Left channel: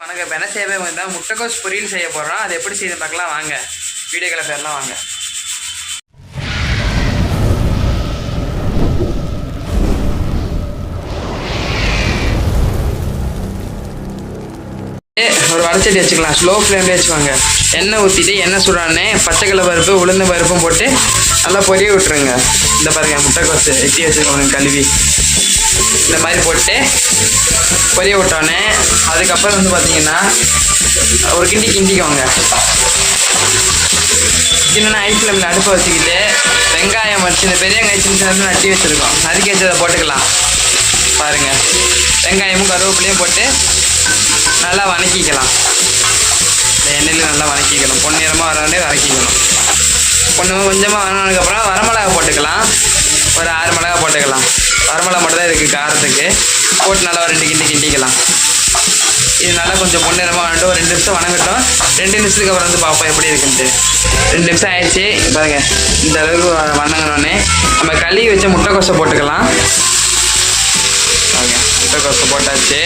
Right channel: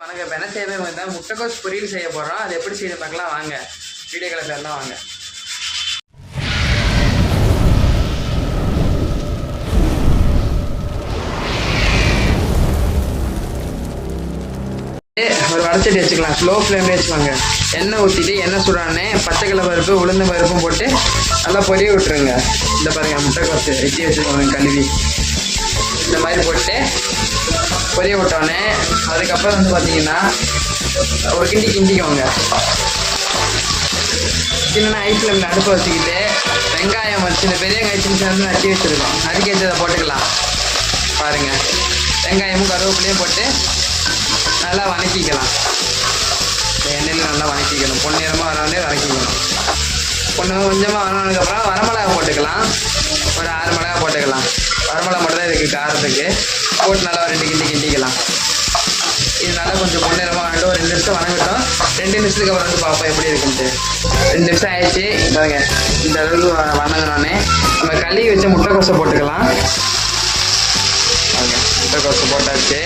வணக்கம். இப்போ என்ன செய்ய வந்து முட்டைக்கோஸ் பொரியல் செய்ய போகிறோம். அது எப்படி செய்து பார்க்கலாம் வாங்க. வீடியோக்களை பேர்லாம் வாங்க. ஒரு வடச்சட்டி வச்சுக்கலாம். ஸ்லோ ஃப்ளேம்லேயே வச்சுக்கோங்க. எண்ணெய் ஊற்றிட்டு எண்ணெய் சுடானே பச்சைக்கடலை பருப்பு உளுந்து பருப்பும் போட்டு நல்லா பொரிய விட்டுருங்க. இந்த பாருங்கள், முட்டைக்கோஸ் வெட்டி வச்சுக்கோங்க கழுவி. இந்த மாதிரி போட்டு பொரிய விட்டோன்னே அதுக்கப்புறம் வந்து பார்த்தீங்கன்னா ஒரு கிண்டிக்கோங்க. சின்ன ஐஸ் ஃப்ளேமில் அடுப்பை வச்சுக்கிட்டு வெங்காயம் வச்சு இந்த பெரிய வெங்காயம் சின்ன சின்ன நட்டி வச்சுருக்கோம். நறுக்கி வச்சு அதை போட்டுக்கலாம். பாருங்கள், வெங்காயமும் கருவேப்பிலையும் போட்டு நல்லா வதக்கிக்கலாம். இந்த எண்ணெயில் நல்லா வதக்கிக்கணும். பொன்னிறமாக வராண்டே வதக்கிக்கணும். கொஞ்சமாக வதங்கினதுக்கப்புறம் வரமிளகா போட்டுக்கலாம். ஒரு 6 மிளகா போட்டுக்கலாம். வரமிளகா மட்டும் தான் இதுக்கு காரத்துக்கு போட்டு நல்லா 2 கிண்டிக்கலாம். இது நல்லா கொஞ்சம் பொன்னிறமாக வதங்கிட்டு ஒரு 2 நிமிஷம் வதங்கட்டும். 2 நிமிஷத்துக்கு அப்புறம் வந்து பார்ப்போம் எப்படி இருக்குன்ட்டு. 2 நிமிஷம் ஆயிடுச்சு. பாருங்க, இந்த அளவுக்கு வதங்கினோடனே நம்ம கழுவி வச்ச முட்டைக்கோஸை போட்டுக்கலாம். பாருங்க, முட்டைக்கோஸை போட்டாச்சு.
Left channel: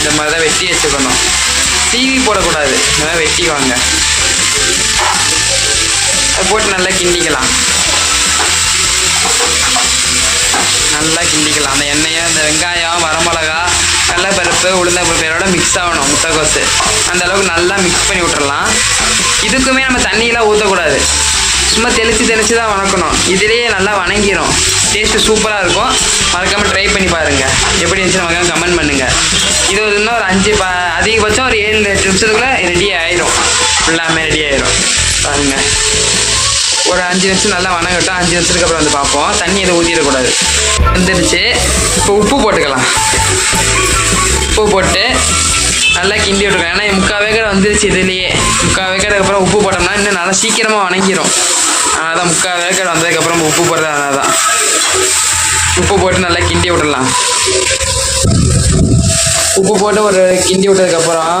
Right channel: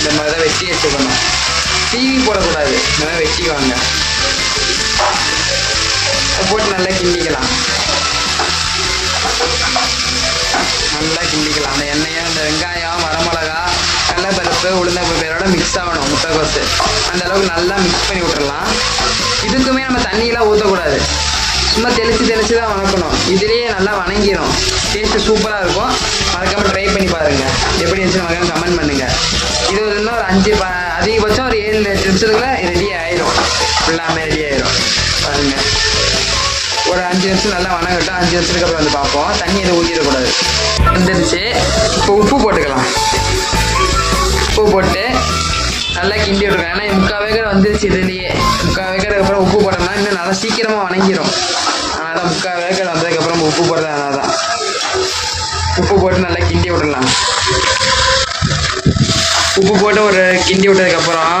இந்த மாதிரி தான் வெட்டி வச்சுக்கணும். சீவி போடக்கூடாது. இந்த மாதிரி வெட்டிக்குவாங்க. போட்டு நல்லா கிண்டிக்கலாம். அந்த எண்ணெயும் இந்த வெங்காயம் வரமிளகா கடலைப்பருப்பு உளுந்தப்பருப்போட மிக்ஸ் ஆகணும். முட்டைக்கோஸு அந்த அளவுக்கு நல்லா மிக்ஸ் பண்ணி விட்டுறலாம். இதுக்குமே நம்ம தண்ணியெலாம் ஊற்றக்கூடாது. சும்மா தெளித்து தான் வதக்கணும். இதிலேயே நல்லா வதங்கிடும். டேஸ்ட்டு சூப்பராக இருக்கும். மறக்காமல் ட்ரை பண்ணி பாருங்கள். எப்படி இருந்துச்சு மறக்காமல் கமெண்ட் பண்ணுங்கள். இது இன்னும் ஒரு 5 அதிகபட்சம் ஒரு 7-8 நிமிஷத்துக்குள்ளே ரெடி ஆயிடும். ஃபுல்லாமே ரெடி ஆயிடும். பாருங்கள், ஒரு 5 நிமிஷம் நல்லா வதங்கட்டும். 5 நிமிஷத்துக்கு அப்புறம் வந்து பார்ப்போம். தண்ணி எதுவும் ஊற்றிடக்கூடாது. வந்துடுச்சு. இப்போ உப்பு போட்டுக்கலாம். உப்பு போட்டு நல்லா கிண்டி விட்டுருக்கேன். ஏன்னா 3/4 வேகரை வந்துருச்சு. இதுலேயே 3/4 வேகருக்கு அப்புறம் உப்பு போட்டோம்னா இன்னும் நல்லா சீக்கிரமாக வதங்கிடும். அதனால் தான் 3/4 வேகரை வந்ததுக்கப்புறம் உப்பு போடுறது. அதனால் தான் உப்பு போட்டு நல்லா கிண்டி விட்டுடலாம். உப்பு போட்டு ஒரு கிண்டி விட்டதுக்கப்புறம்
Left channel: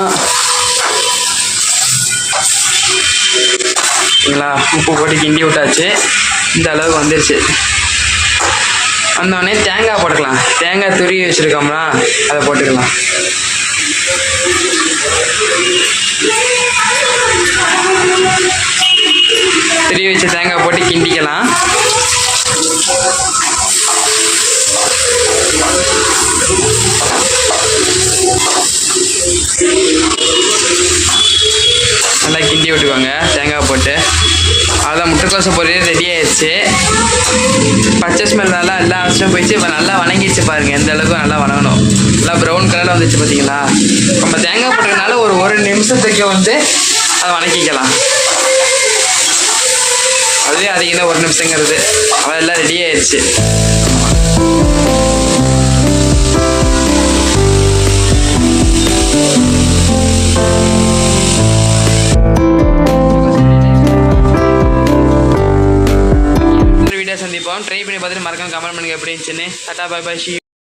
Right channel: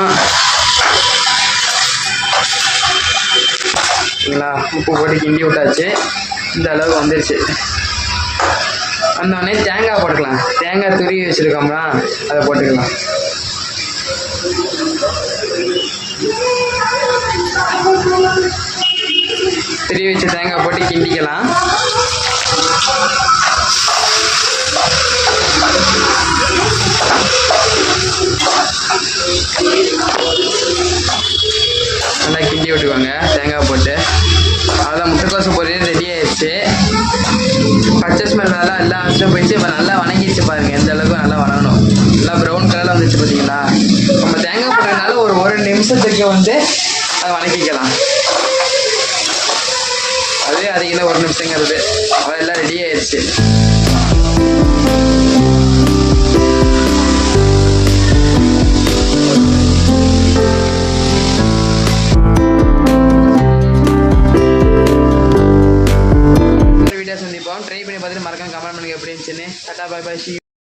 சரிங்களா, உப்பு போட்டு கிண்டி விட்டாச்சு. இந்த அளவுக்கு வந்துருச்சு. வந்தோடனே தேங்காய் போட்டுக்கலாம். தேங்காய் துருவி வச்சுருக்கோம்னா அதை போட்டுக்கலாம். துருவி வச்சு தேங்காய் போட்டு கிண்டிக்கலாம். நல்லா கிண்டி விட்டுக்கோங்க தேங்காய் போட்டு. அதான் முட்டைக்கோஸை பொரியல் ரெடி ஆயிடுச்சு. பச்சை ஸ்மெல் நல்லா எல்லா விஷயம் போயிடுச்சு. இப்போ நல்லா வதங்கிடுச்சு. பாருங்கள், எந்த அளவுக்கு நல்லா வதங்கணும். நல்லா ப்ரௌன் கலரில் வந்துச்சு. பார்த்தீங்களா, நம்ம தேங்காய் போட்டதுனால ஒரு நிமிஷத்துக்கு வந்து அதை வதக்கிக்கலாம். அதுவே அதிகம் தான் 1 நிமிஷங்கிறது. அதெல்லாம் ரெடி ஆயிடுச்சு. சந்திப்போம். ட்ரை பண்ணி பார்த்துட்டு மறக்காம கமெண்ட் பண்ணுங்க எப்படி இருந்துச்சுன்னு. Tata, bye by.